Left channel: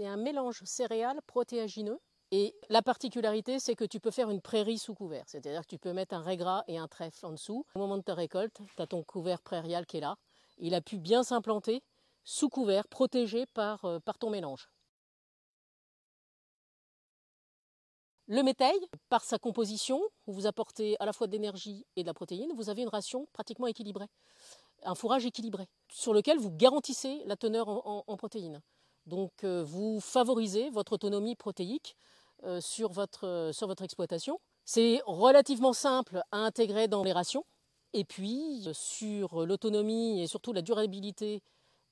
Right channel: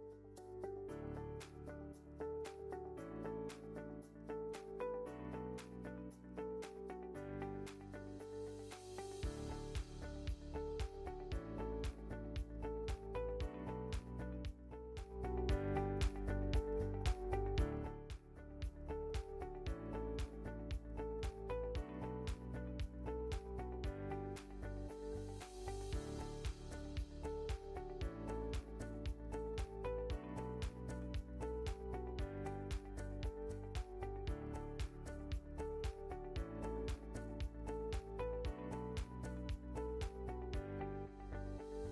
C'est un mélange céréales protéagineux. Et la particularité, c'est que tu peux faire une prairie sous couvert. C'est-à-dire que tu peux mettre un raiggras et un trèfle en dessous. Au moment de ta récolte, tu as ton couvert prairial qui est là. Il a pu bien s'implanter sous couvert, protégé par ton mélange. Le métail, par sa composition, vous apportez à la fois de l'énergie et de la protéine, vous avez une ration pratiquement équilibrée, un fourrage équilibré, sur lequel vous garantissez la teneur en protéines. Donc vous favorisez votre autonomie protéique sur votre exploitation. C'est relativement simple à intégrer dans les rations. Et puis sur l'autonomie et surtout la durabilité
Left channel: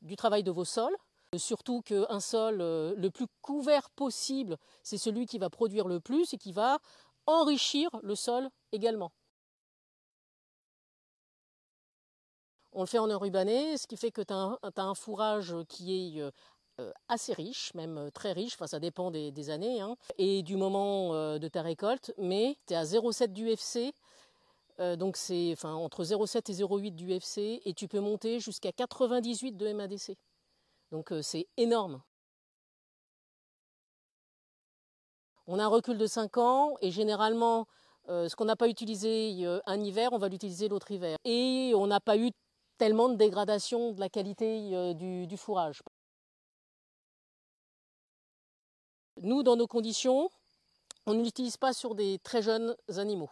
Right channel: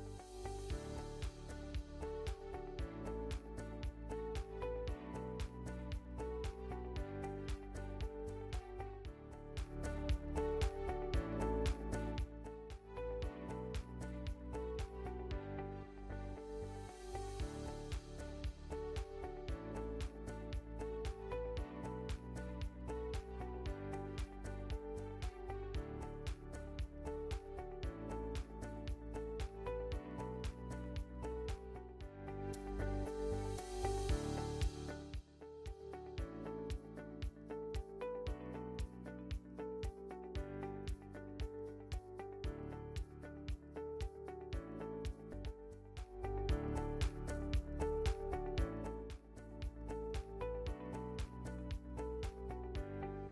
du travail de vos sols, surtout qu'un sol le plus couvert possible, c'est celui qui va produire le plus et qui va enrichir le sol également. On le fait en enrubanné, ce qui fait que tu as un fourrage qui est assez riche, même très riche, enfin ça dépend des années, hein, et du moment de ta récolte, mais tu es à 0,7 d'UFC, donc c'est entre 0,7 et 0,8 d'UFC, et tu peux monter jusqu'à 98 de MADC. Donc c'est énorme. On a un recul de 5 ans, et généralement, ce qu'on n'a pas utilisé un hiver, on va l'utiliser l'autre hiver. Et on n'a pas eu tellement de dégradation de la qualité du fourrage. Nous, dans nos conditions, on ne l'utilise pas sur des très jeunes animaux.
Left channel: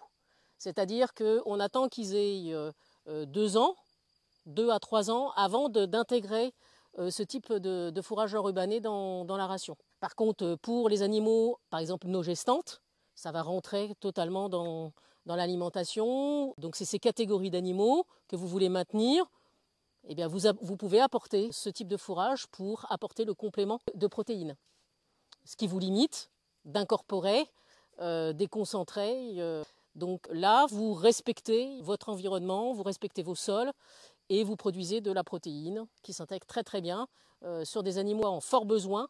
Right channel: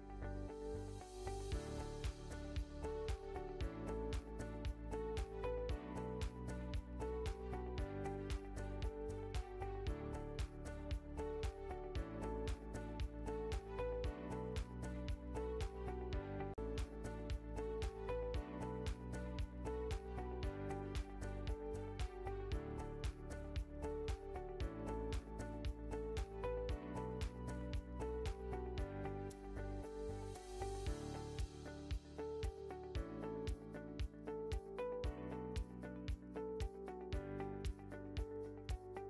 C'est-à-dire qu'on attend qu'ils aient 2 ans, 2 à 3 ans, avant d'intégrer ce type de fourrage enrubanné dans la ration. Par contre, pour les animaux, par exemple nos gestantes, ça va rentrer totalement dans l'alimentation. Donc c'est ces catégories d'animaux que vous voulez maintenir. Eh bien, vous pouvez apporter ce type de fourrage pour apporter le complément de protéines. Ce qui vous limite d'incorporer des concentrés. Donc là, vous respectez votre environnement, vous respectez vos sols et vous produisez de la protéine qui s'intègre très très bien sur des animaux en fort besoin.